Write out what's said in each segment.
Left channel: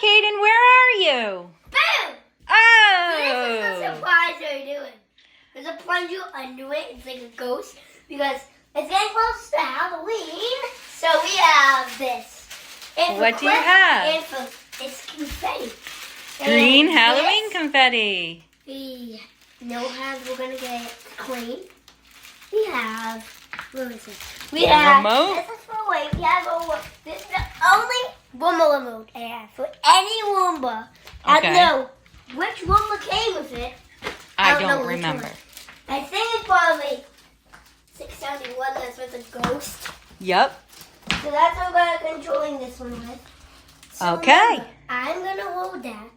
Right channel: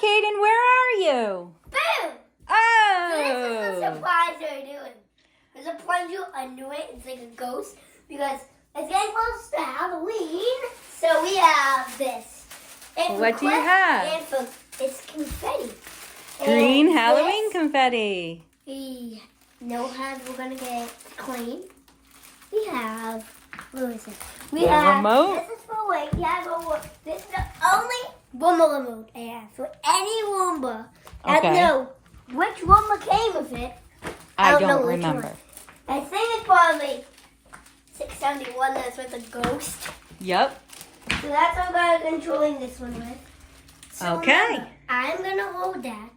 Caden, where are you? Boom! Oh! This is the surprise they're doing. There's a plunger under it. It's like a ghost because it's getting close to Halloween. So we have this. And What do you have? And it's confetti. Green And Halloween this, confetti. we know how we're going to get it clean. We have, what is it? We have remote? This is for weight. We have this is the only Roomba remote I have for any Roomba. Okay. I know which Roomba came with it. I know don't which remember. one. I think it's probably 671 that's with the ghost. Yep. So that's what I'm controlling this one with. So Okay. remember, I'm going to hold that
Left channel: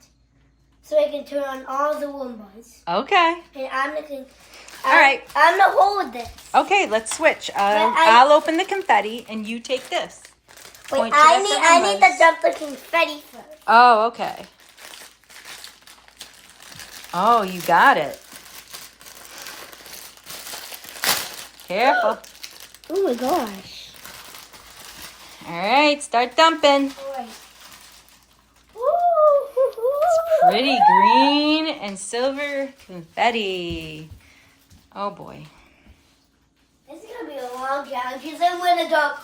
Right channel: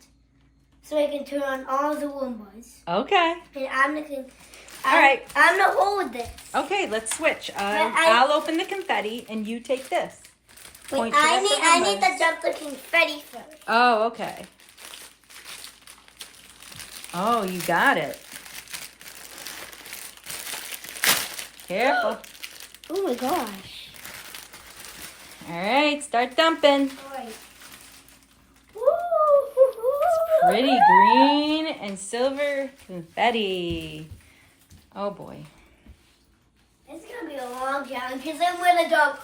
so I can turn on all the Roombas. Okay. And I'm going to... All right. I'm going to hold this. Okay, let's switch. I'll open the confetti and you take this. Wait, Point it at the I need Roombas. to dump the confetti first. Oh, okay. Oh, you got it. Careful. Oh my gosh. All right, start dumping. Right. Pretty green and silver confetti. Oh boy. This is going to be a long challenge because I'm going to dump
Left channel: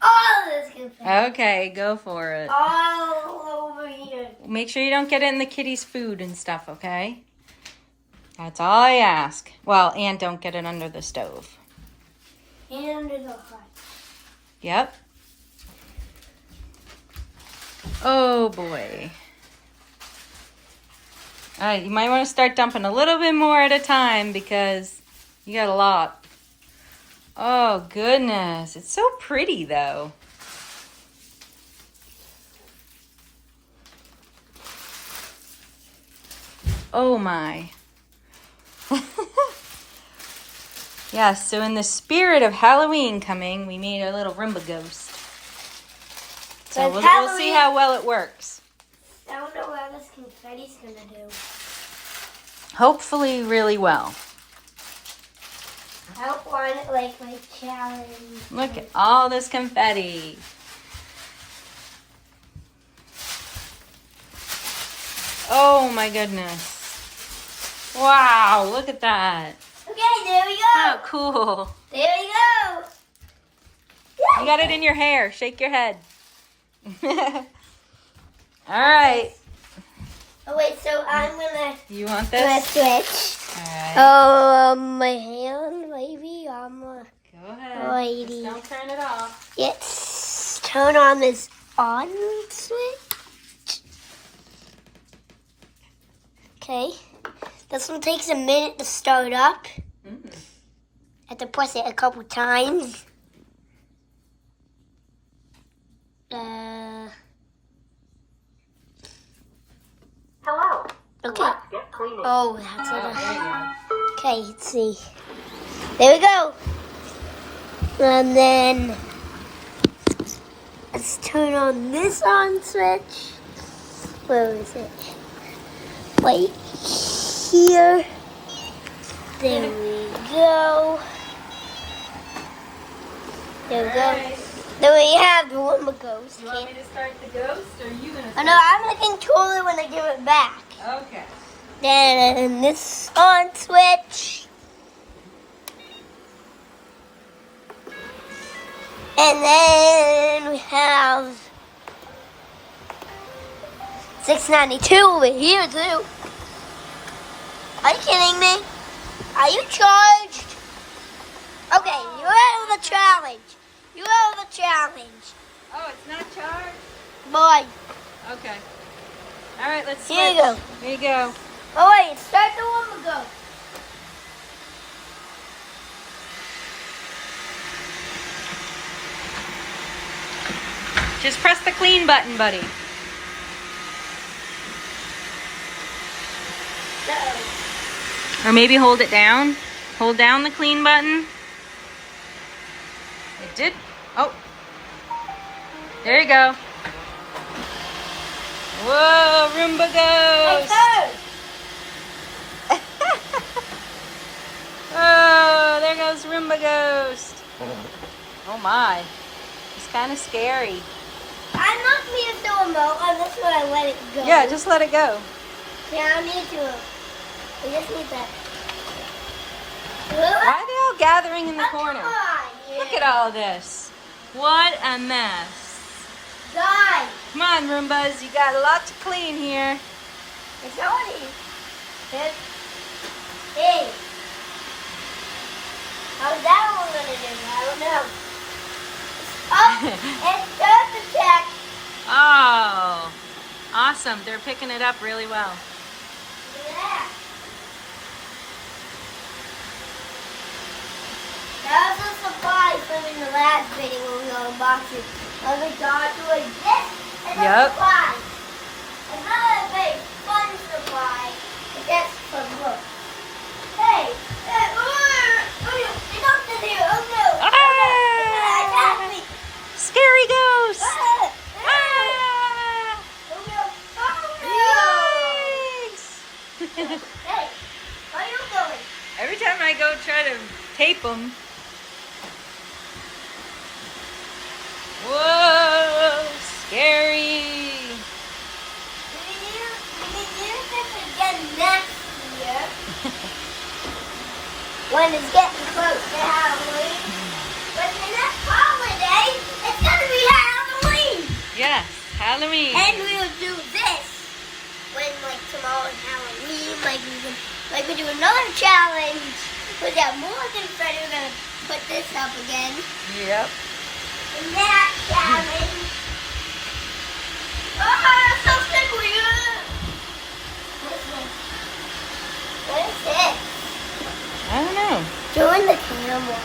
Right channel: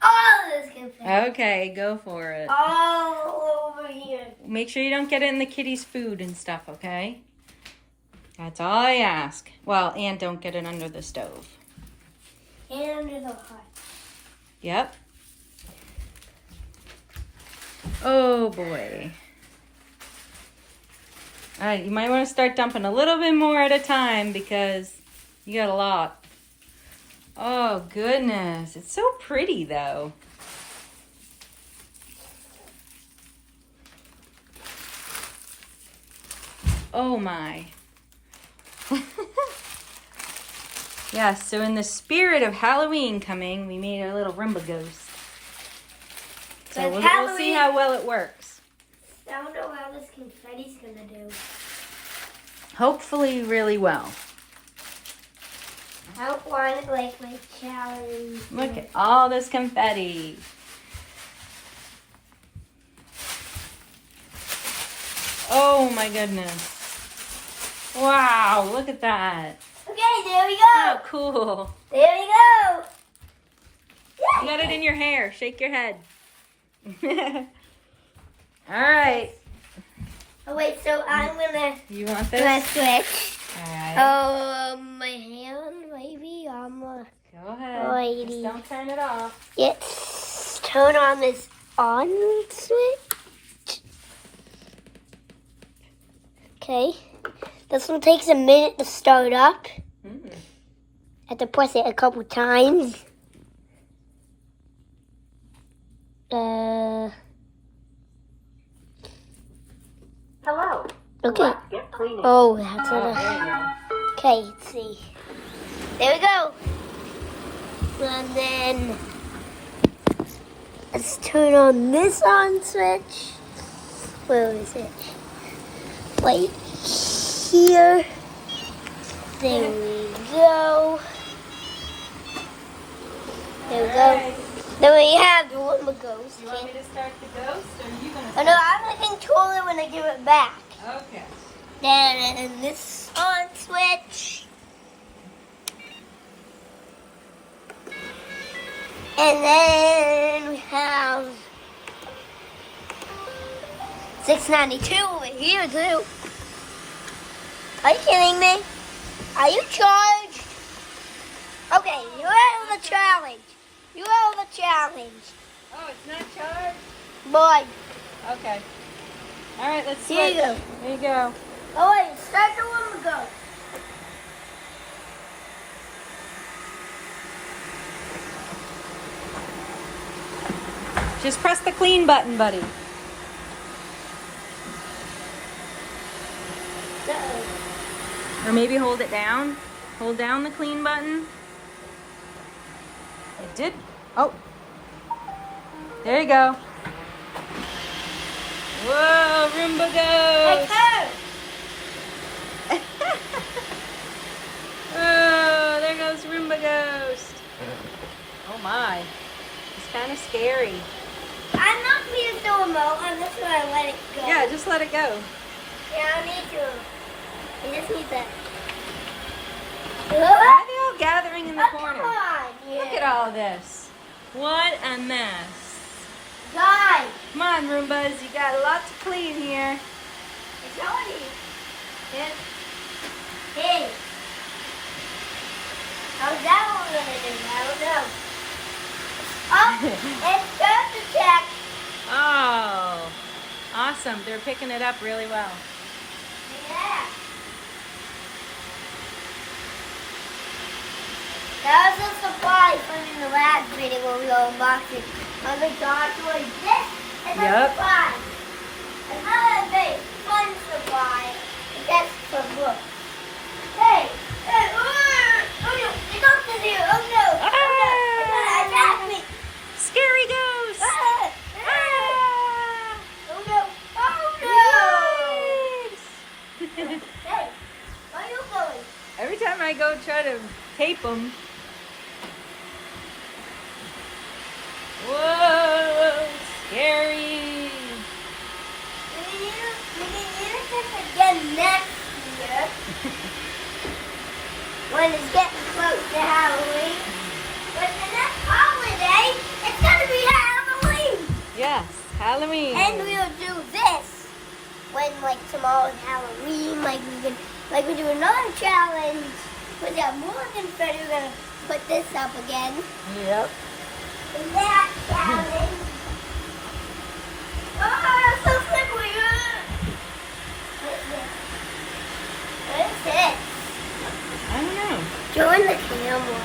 all this confetti. Okay, go for it. All over here. Make sure you don't get it in the kitty's food and stuff, okay? That's all I ask. Well, and don't get it under the stove. And under the hot. Yep. Oh boy. All right, you might want to start dumping a little bit more at a time because you got a lot. Oh goodness, it's so pretty though. Oh my. Yes, so in the spirit of Halloween coming, we made a little Roomba ghost. So we'll see how well it works. I don't know how this confetti's going to do. Hopefully really well. I don't want it like my challenge. Look at all this confetti. Oh my goodness. Wow, look at that. Okay, there we go. How cool. There we go. You got it in your hair. Shake your head. All right. Oh, wait, so I'm going You want to this? switch. All right. My hand, maybe. Go ahead. Alrighty. Just don't turn it off. Yes. Turn on this on switch. Okay. This one takes a minute to start up. Mm. I have to press it a couple times. Hello. Okay. Get cleaning. Oh, that's it. Okay, let's see. There we go. And then let's turn on this on switch. Where is it? Wait, here. There we go. There we go. Then we have the Roomba ghost. You want me to start the ghost, or are you going to Oh start? no, I'm gonna control it when I give it back. Okay. Then this on switch. And then we have 692 over here too. Are you kidding me? Are you charged? Okay, you're out of the challenge. You're out of the challenge. Oh, it's not charged? Boy. Okay. All right, let's switch. Here you go. There you go. Oh wait, start the Roomba go. Just press the clean button, buddy. Uh-oh. Or maybe hold it down. Hold down the clean button. It did. Oh. There you go. Whoa, Roomba ghost. Oh, there goes Roomba ghost. Oh my. It's kind of scary. I'm not feeding the remote. I'm just want to let it go. Yeah, just let it go. Yeah, I don't need to. I just need that. Why are they all gathering in the corner? Come on. Look at all this. What a mess. Die. Come on, Roombas. You got a lot to clean here. It's already. Hey. How's that one going to do? I don't know. Oh, it's dirt attack. Oh, awesome. They're picking it up really well. Yeah. That was a surprise from the last video when we were unboxing. I was like, God, doing this is a surprise. Another big fun surprise. But that's from look. Hey, they got to here. Oh no. Attack me. Scary ghost. Ah. Oh no. Oh no. Yikes. Hey, where are you going? Every time I go try to tape them. Whoa, scary. We can use this again next year. When it's getting close to Halloween. But the next holiday, it's gonna be Halloween. Yes, Halloween. And we'll do this when like tomorrow's Halloween, like we do another challenge. Put out more confetti. We're gonna put this up again. Yep. And that challenge. Oh, I'm so slippery. What is this? I don't know. Join the camera.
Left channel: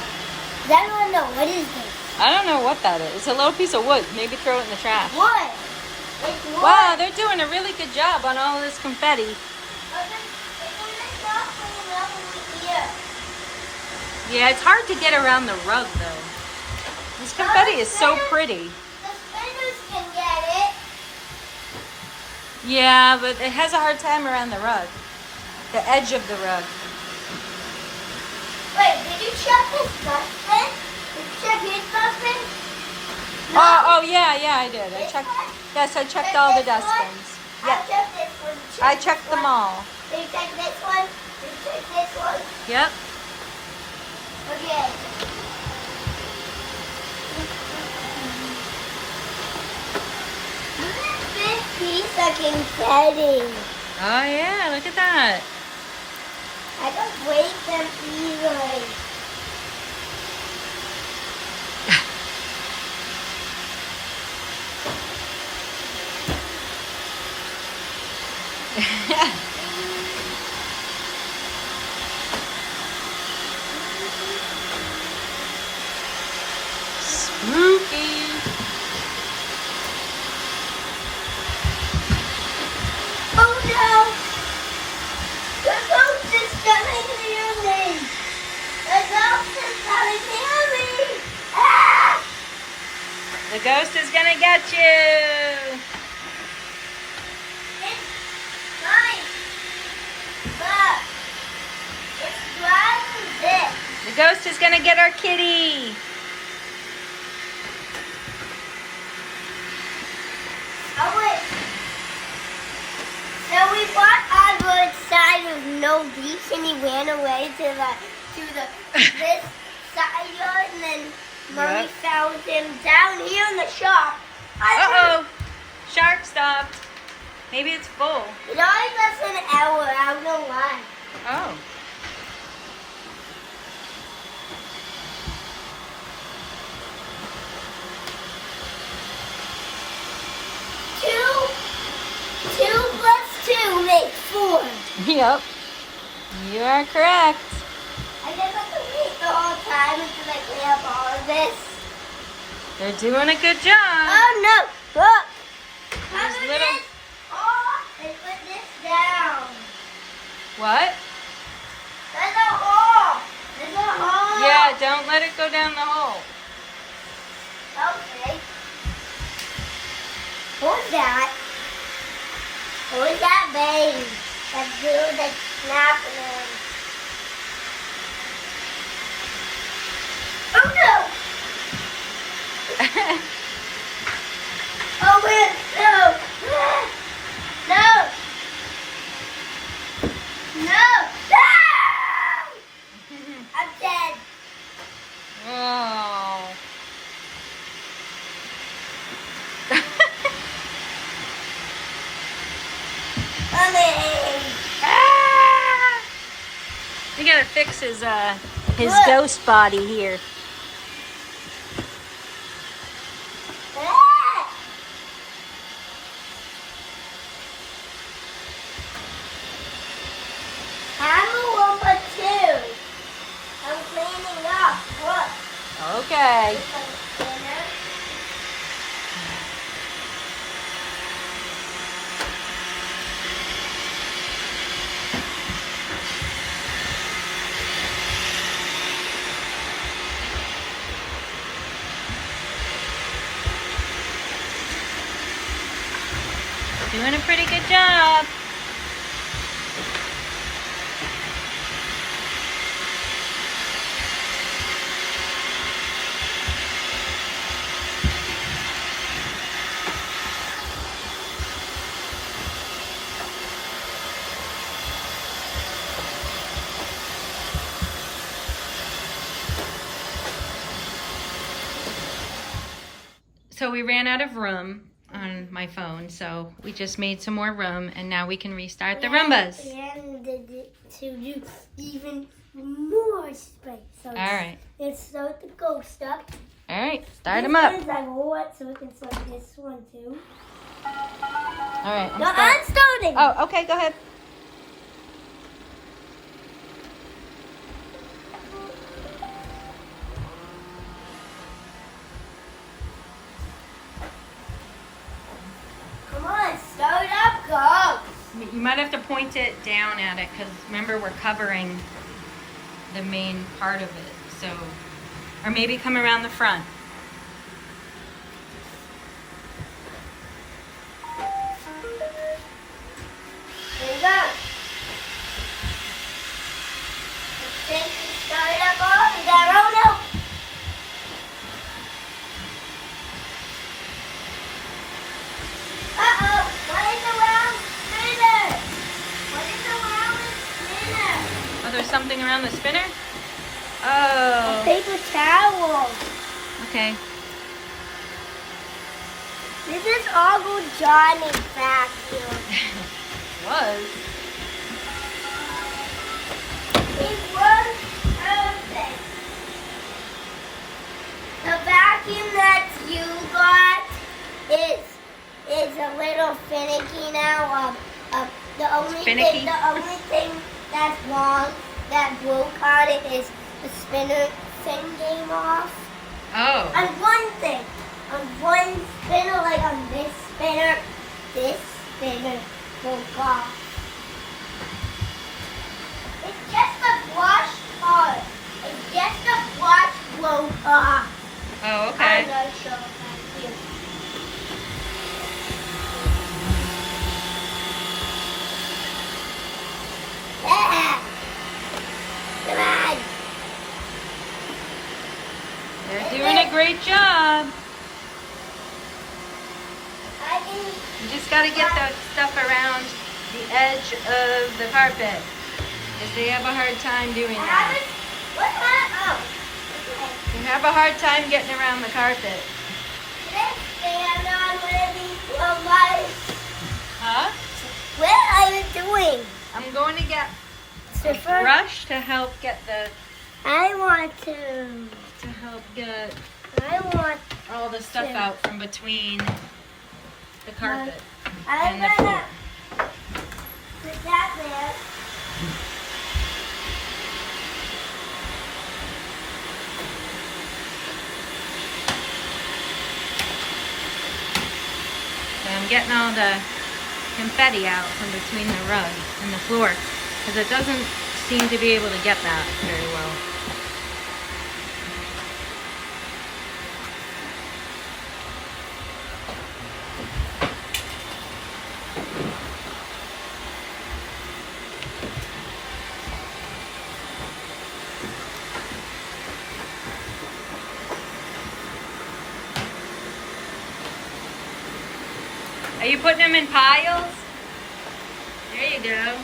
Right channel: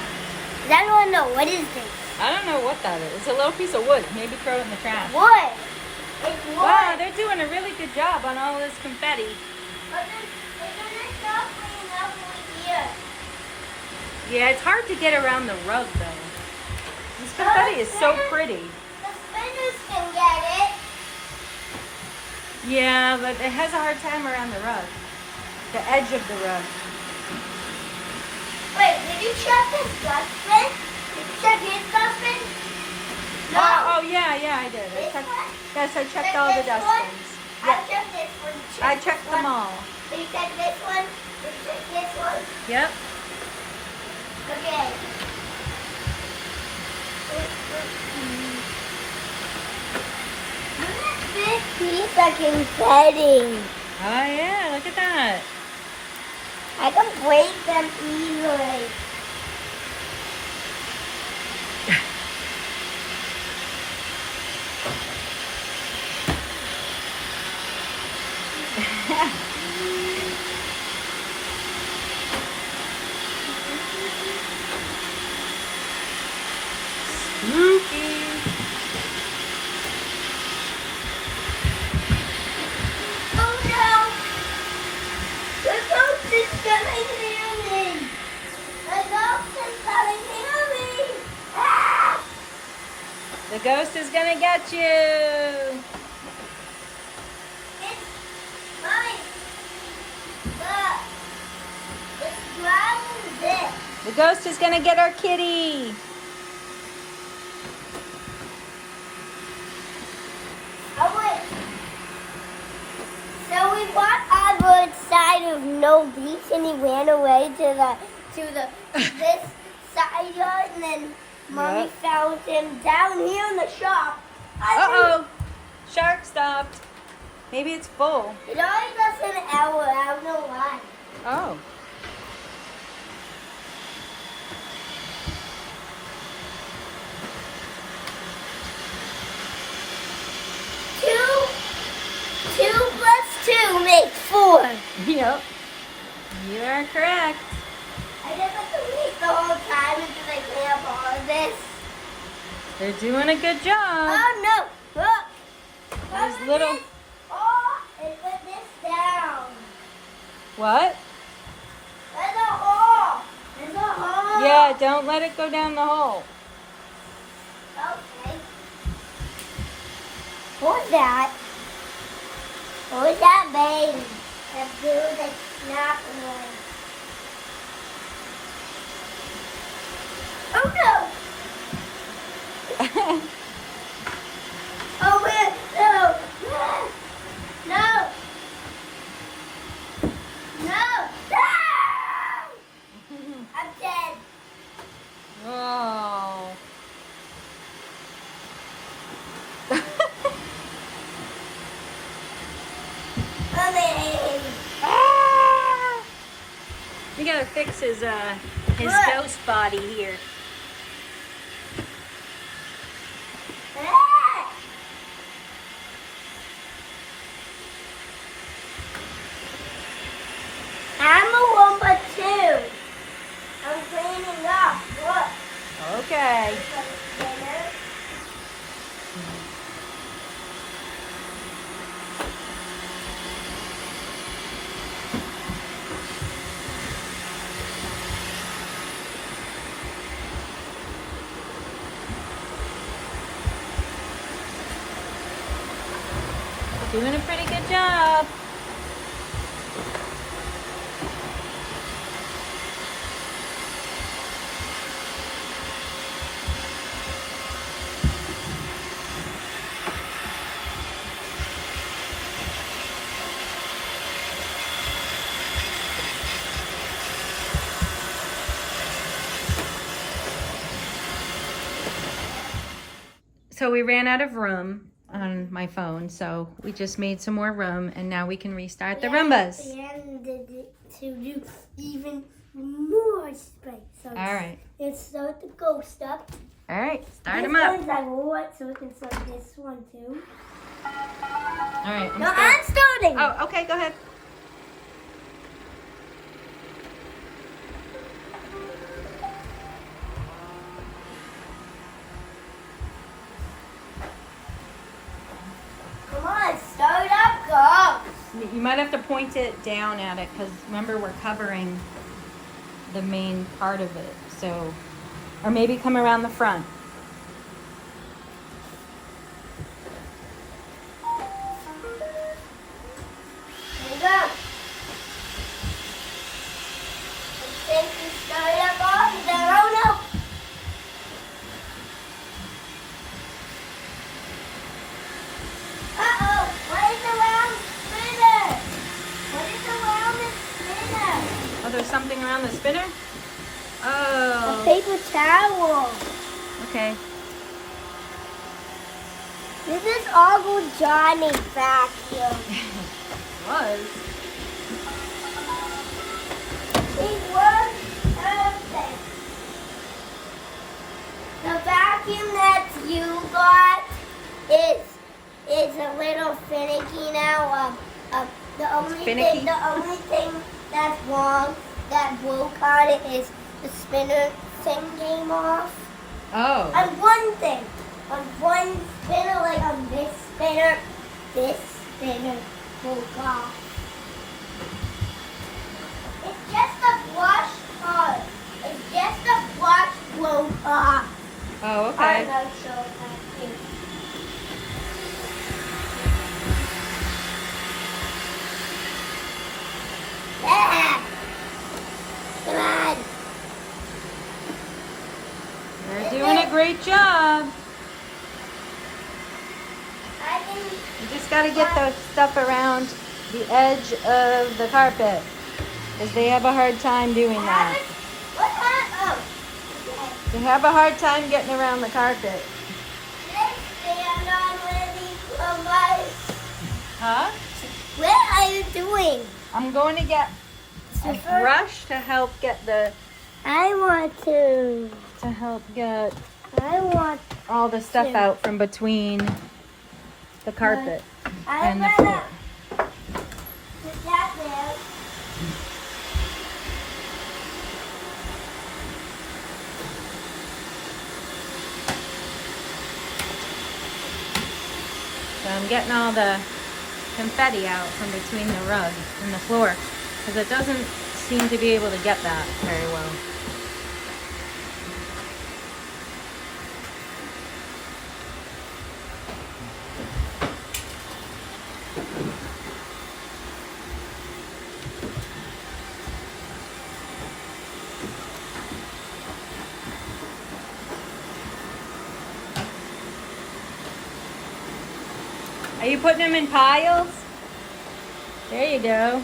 I don't know. What is this? I don't know what that is. It's a little piece of wood. Maybe throw it in the trash. Wood. It's wood. Wow, they're doing a really good job on all of this confetti. Yeah, it's hard to get around the rug though. This confetti is so pretty. The spinners can get it. Yeah, but it has a hard time around the rug. The edge of the rug. Wait, did you check this dustbin? Did you check his dustbin? No. Oh, yeah, I did. I checked. Yes, I checked all the dustbins. I Yeah, checked this one. I checked them all. You checked this one? You checked this one? Yep. Okay. Look at this piece of confetti. Oh yeah, look at that. I can break them easily. Spooky. Oh no! The ghost is coming near me! The ghost is coming near me! Ah! The ghost is gonna get you. It's mine! Look! It's grabbing this! The ghost is gonna get our kitty. Oh wait! So we bought our side of no beach and he ran away to this side yard and then Mommy Yep. found him down here in the shop. Uh-oh. Shark stopped. Maybe it's full. It always lasts an hour, I don't know why. Oh. Two plus two makes 4. Yep. You are correct. I just have to eat the whole time until I clean up all of this. They're doing a good job. Oh no! Look! There's Cover little- this. Oh, and put this down. What? There's a hole. There's a hole. Yeah, don't let it go down the hole. Okay. What's that? Who's that baby? That dude that's snapping on. Oh no! Oh man, no! gotta fix his Look. ghost body here. Ah! I'm a Roomba too. I'm cleaning up. Look. Okay. It's a spinner. Doing a pretty good job. So we ran out of room on my phone, so we just made some more room, and now we can restart the Roombas. And did it to do even more space. So All right. Let's start the ghost up. All right, start This them up. one's I want, so we can start this one too. All right, No, I'm starting. Oh, okay, go ahead. Come on, start up, go. You might have to point it down at it, because remember, we're covering the main part of it. So, or maybe come around the front. There you go. Then start up over there. Oh no. Uh-oh, what is around the spinner? What is around the spinner? Oh, there's something around the spinner? A Oh, paper towel. okay. This is Uncle Johnny's vacuum. Was. It works perfect. The vacuum that you got is a little finicky now. The only Finicky? thing that's wrong that broke on it is the spinner thing came off. Oh. And one thing, on one spinner, like on this spinner broke off. It's just a brush part. It's just a brush broke off. Oh, okay. I'm not sure if I do. Yeah. Come on. They're doing a great job. I can. You just got to get the stuff around the edge of the carpet, because they have a hard time doing that. What happened? Oh. Okay. They have a hard time getting around the carpet. Let's stand on where these lights. Huh? What are you doing? I'm going to get a Stiffer? brush to help get I want to. I want all the stuff out from between the carpet I'm and the floor. gonna put that there. So I'm getting all the confetti out from between the rug and the floor, because it doesn't seem to be able to get that very well. Are you putting them in piles? There you go.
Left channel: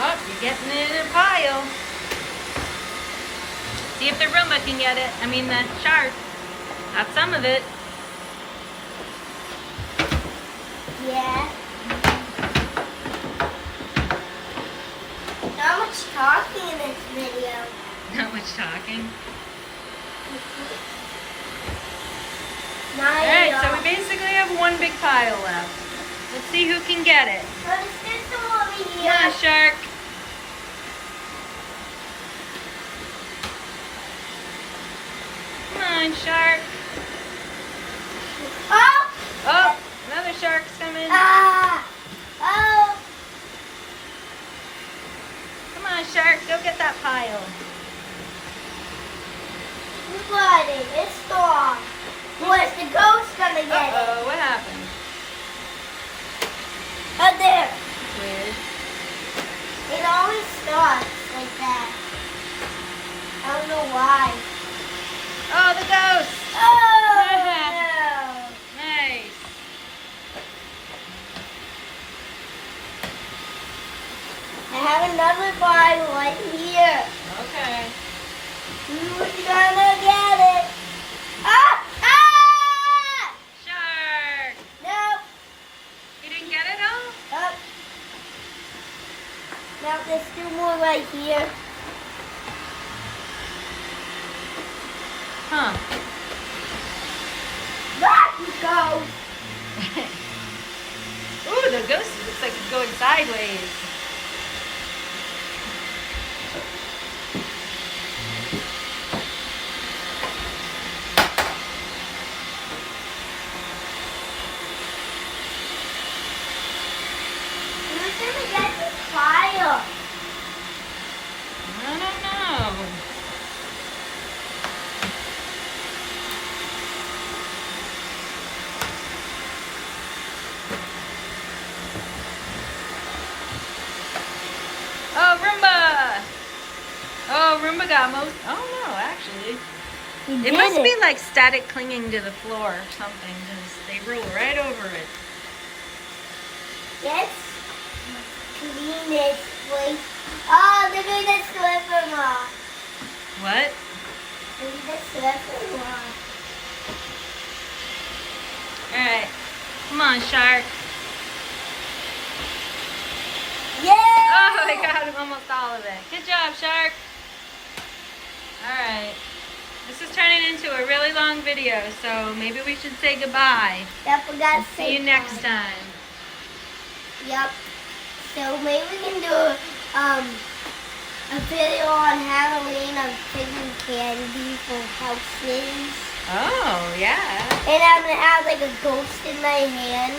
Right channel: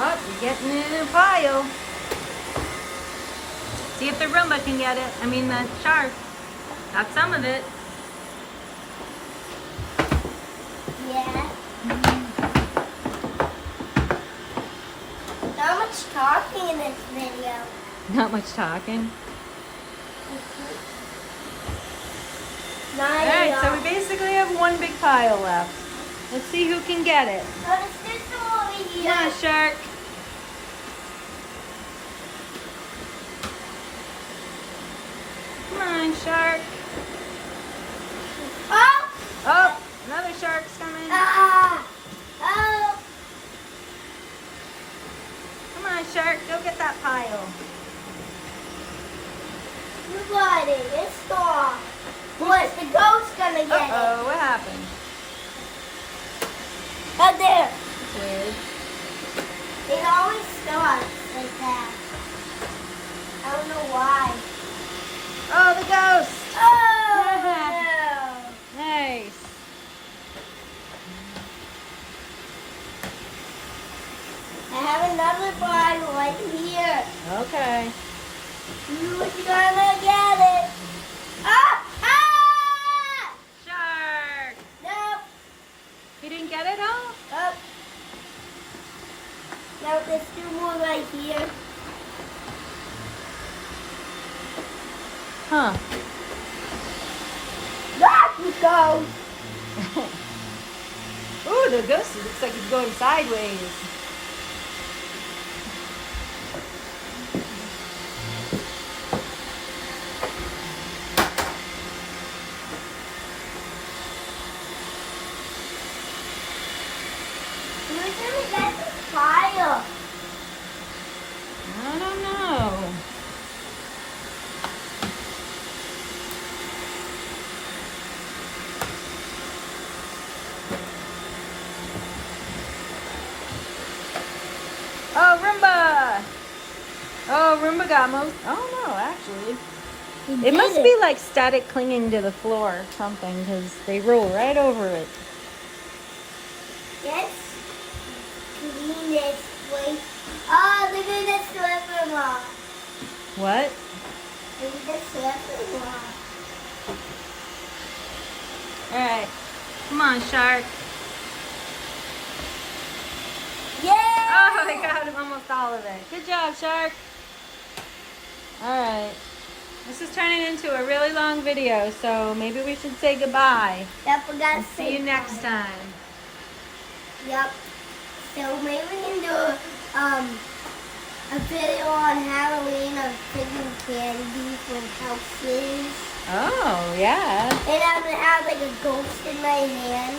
Oh, you're getting it in a pile. See if the Roomba can get it. I mean the shark. Got some of it. Yeah. Not much talking in this video. Not much talking. Not Alright, so we basically have one big pile left. Let's see who can get it. So there's still some over here. Come on, shark. Come on, shark. Oh! Oh, another shark's coming. Ah! Oh! Come on, shark. Go get that pile. Everybody, it's storm. What's the ghost gonna get it? Uh-oh, what happened? Right there. Weird. It always starts like that. I don't know why. Oh, the ghost. Oh! No. Nice. I have another bottle right here. Okay. Who's gonna get it? Ah! Ah! Shark. Nope. You didn't get it all? Oh. No, there's two more right here. Huh. There you go. Ooh, the ghost looks like it's going sideways. Who's gonna get the fire? I don't know. Oh, Roomba! Oh, Roomba got most. Oh, no, actually. It must be like static clinging to the floor or something because they roll right over it. Let's clean this place. Oh, look at the slipper mark. What? Look at the slipper mark. Alright. Come on, shark. Yeah! Oh, I got almost all of it. Good job, shark. Alright. This is turning into a really long video, so maybe we should say goodbye. I forgot to See you next time. Yep. So maybe we can do a video on Halloween of taking candy from houses. Oh, yeah. And I'm gonna have like a ghost in my hand.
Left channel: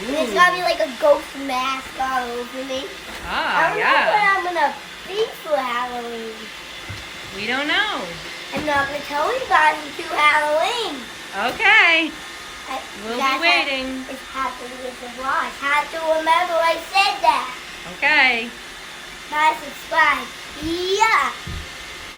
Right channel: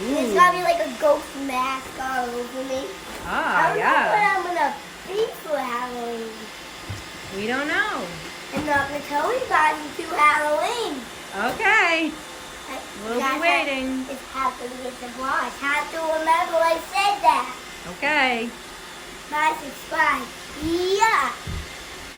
And it's Ooh. gonna be like a ghost mask all over me. I Ah, don't yeah. know what I'm gonna be for Halloween. We don't know. I'm not gonna tell you guys until Halloween. Okay. We'll That's be waiting. It's happening with the vlog. I had to remember I said that. Okay. Bye, subscribe. Yeah.